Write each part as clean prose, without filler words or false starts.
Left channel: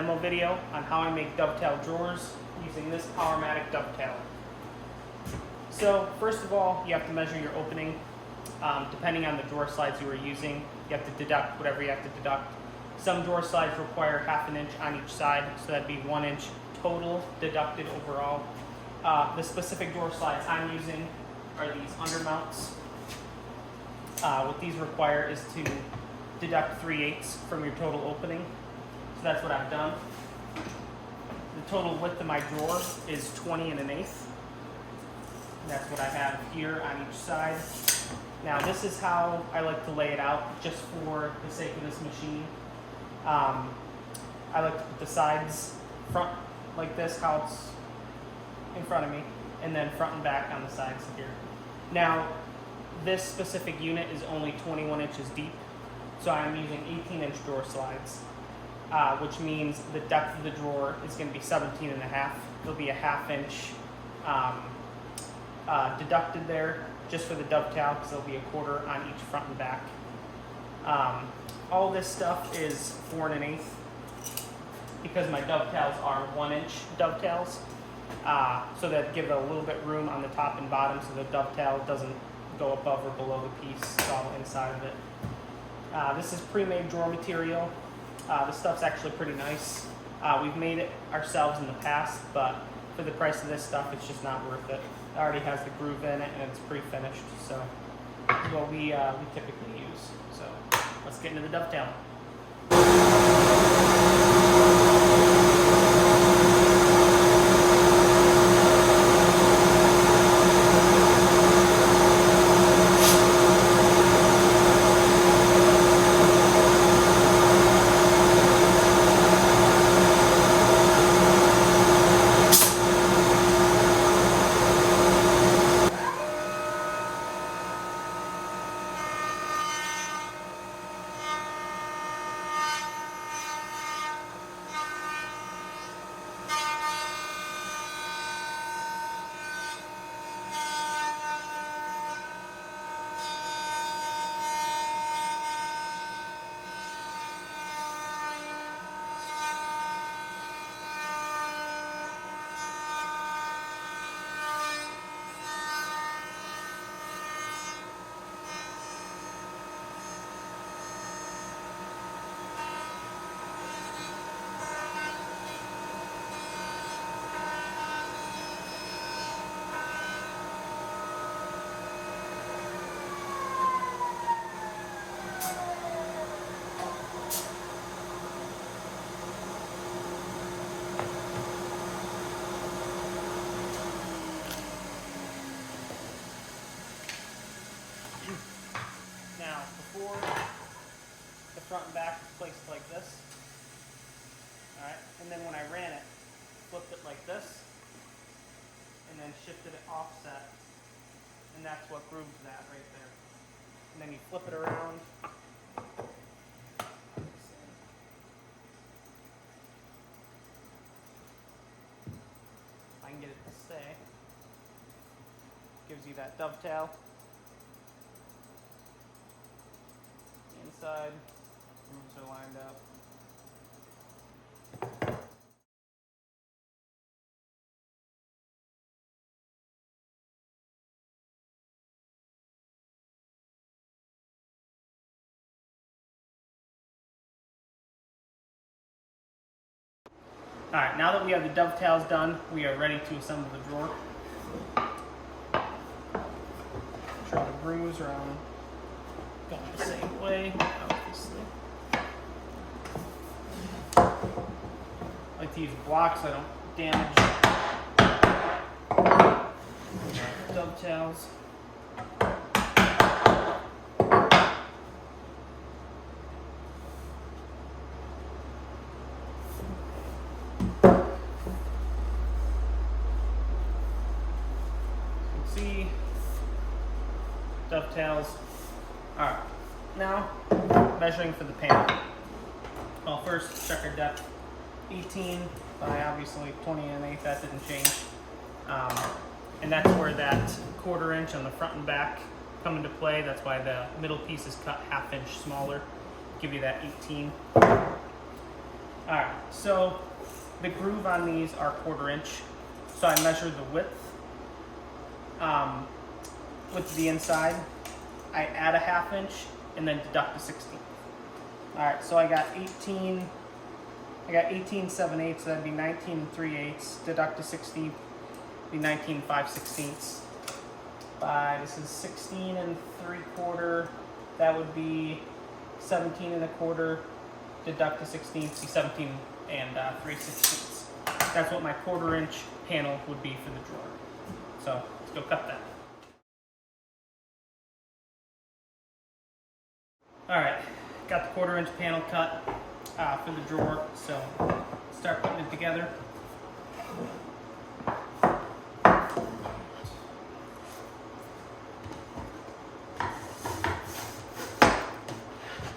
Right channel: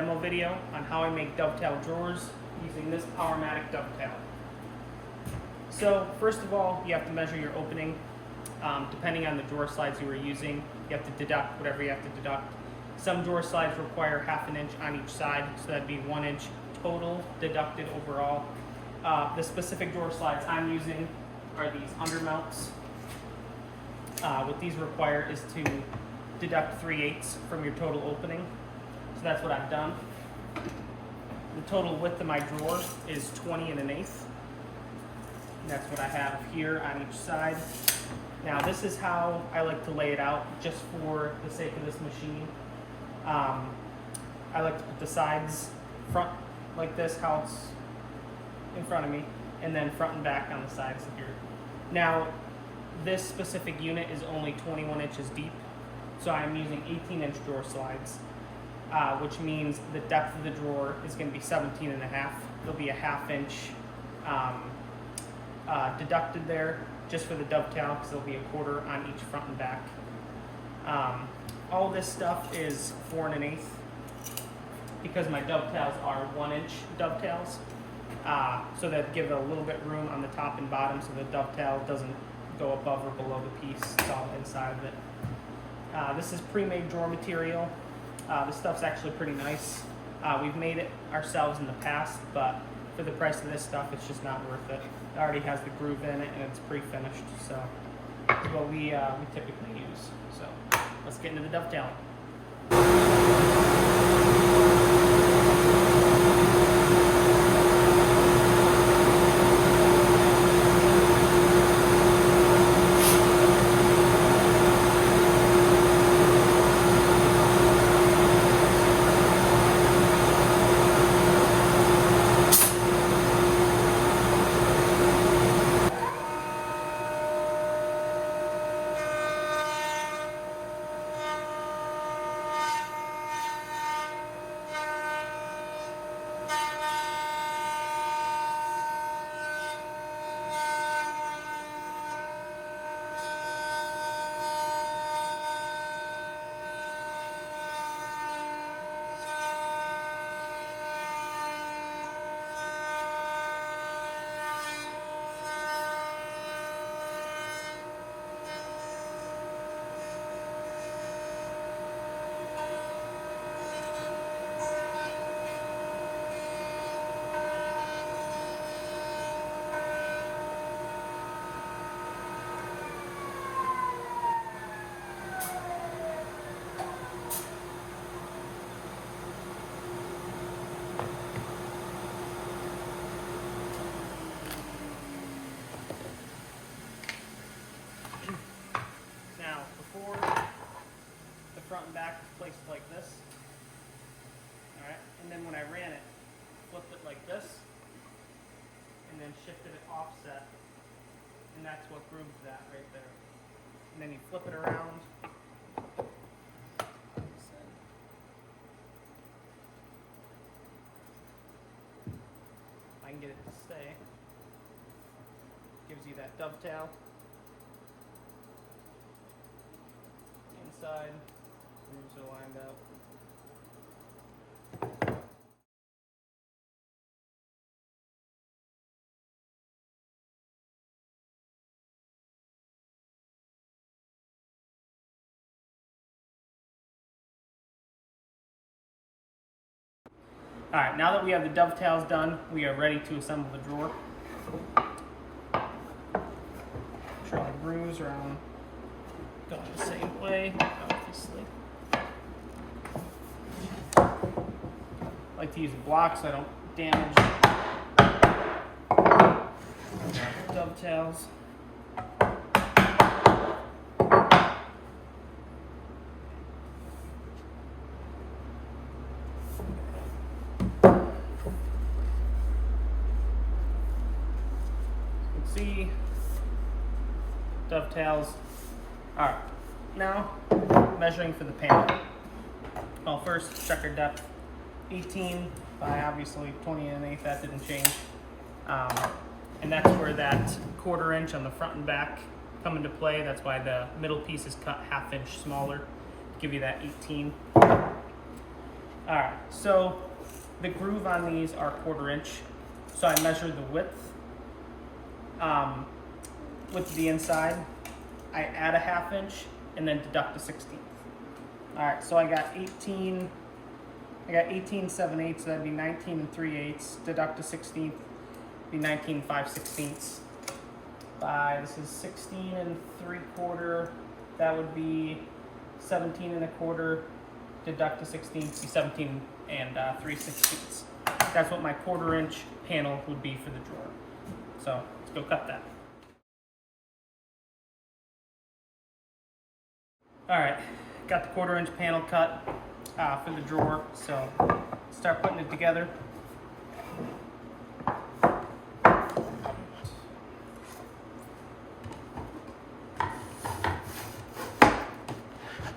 demo video on how I make dovetail drawers using this powermatic dovetail. So first of all, you have to measure your opening. Depending on the drawer slides you are using, you have to deduct whatever you have to deduct. Some drawer slides require 1/2 inch on each side, so that'd be 1 inch total deducted overall. The specific drawer slides I'm using are these undermounts. What these require is to deduct 3/8 from your total opening. So that's what I've done. The total width of my drawer is 20 1/8. That's what I have here on each side. Now this is how I like to lay it out, just for the sake of this machine. I like to put the sides front like this, how it's in front of me, and then front and back on the sides here. Now this specific unit is only 21 inches deep, so I'm using 18-inch drawer slides, which means the depth of the drawer is going to be 17 1/2. There'll be a 1/2 inch deducted there just for the dovetail, because there'll be a 1/4 on each front and back. All this stuff is 4 1/8 because my dovetails are 1-inch dovetails, so that give it a little bit room on the top and bottom so the dovetail doesn't go above or below the piece. It's all inside of it. This is pre-made drawer material. This stuff's actually pretty nice. We've made it ourselves in the past, but for the price of this stuff, it's just not worth it. It already has the groove in it and it's pre-finished, so this is what we typically use. So let's get into the dovetailing. Now, before the front and back is placed like this, all right, and then when I ran it, flipped it like this, and then shifted it offset, and that's what grooves that right there. And then you flip it around. I can get it to stay. Gives you that dovetail. Inside, grooves are lined up. All right, now that we have the dovetails done, we are ready to assemble the drawer. Make sure the grooves are on, going the same way, obviously. I like to use a block so I don't damage the dovetails. See, dovetails. All right, now measuring for the panel. Well, first check our depth. 18 by obviously 20 1/8. That didn't change, and that's where that 1/4 inch on the front and back come into play. That's why the middle piece is cut 1/2 inch smaller to give you that 18. All right, so the groove on these are 1/4 inch. So I measure the width with the inside. I add a 1/2 inch and then deduct a 1/16. All right, so I got 18 7/8, so that'd be 19 3/8. Deduct a 16th, be 19 5/16. This is 16 3/4. That would be 17 1/4. Deduct a 16th, be 17 3/16. That's what my 1/4 inch panel would be for the drawer. So let's go cut that. All right, got the 1/4 inch panel cut for the drawer. So start putting it together.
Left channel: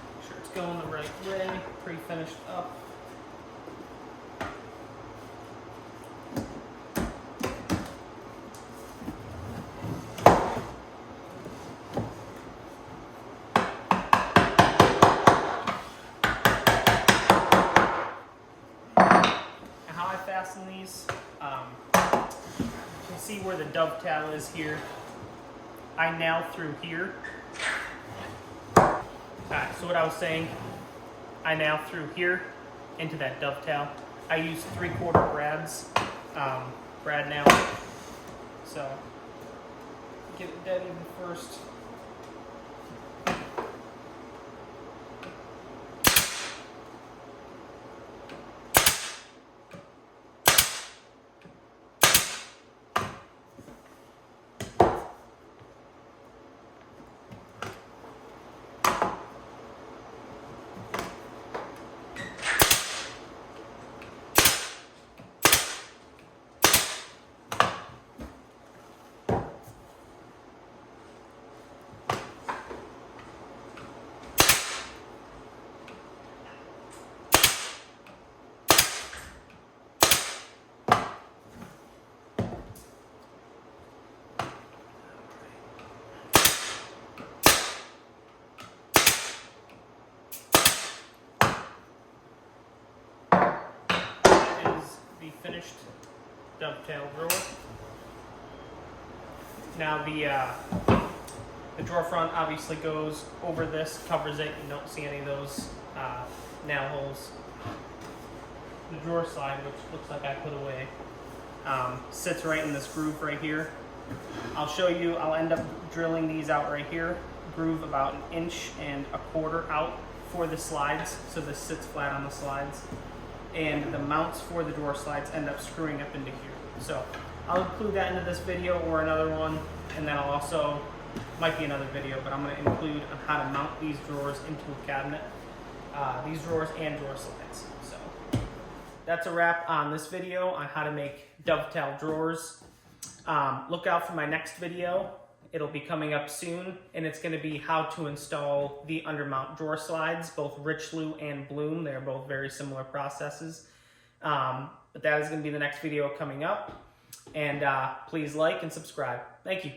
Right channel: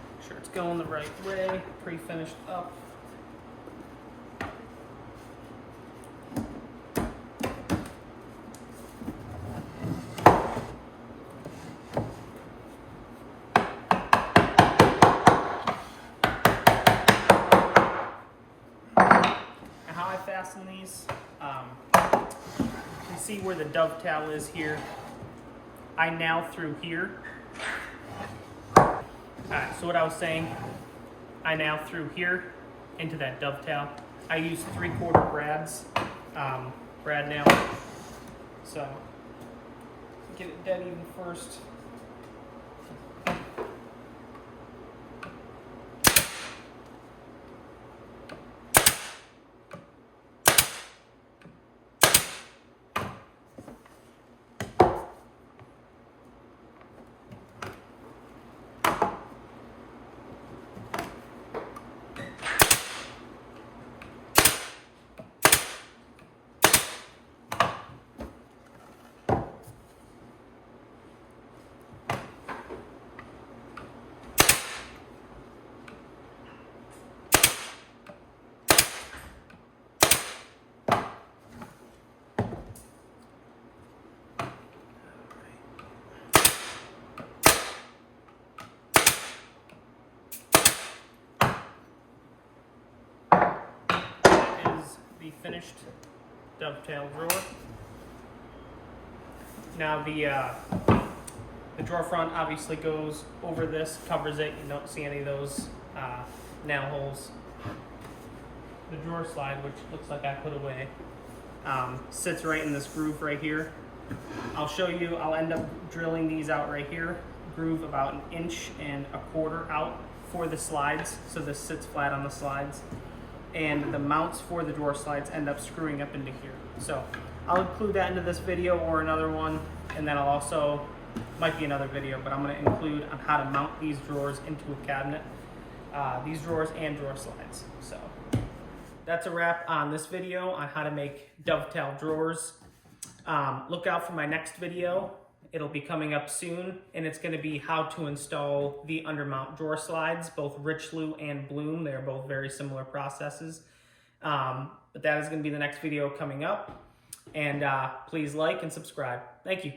Make sure it's going the right way, pre-finished up. Fasten these. You can see where the dovetail is here. I nail through here. Alright, so what I was saying, I nail through here into that dovetail. I use 3/4 brads, brad nail. So get it dead even first. The finished dovetail drawer. Now the drawer front obviously goes over this, covers it. You don't see any of those nail holes. The drawer slide, which looks like I put away, sits right in this groove right here. I'll show you. I'll end up drilling these out right here. Groove about 1.25 inches out for the slides, so this sits flat on the slides. And the mounts for the drawer slides end up screwing up into here. So I'll include that into this video or another one, and then I'll also, might be another video, but I'm gonna include on how to mount these drawers into a cabinet, these drawers and drawer slides. So that's a wrap on this video on how to make dovetail drawers. Look out for my next video. It'll be coming up soon, and it's gonna be how to install the undermount drawer slides, both Richelieu and Bloom. They're both very similar processes. But that is gonna be the next video coming up. And please like and subscribe. Thank you.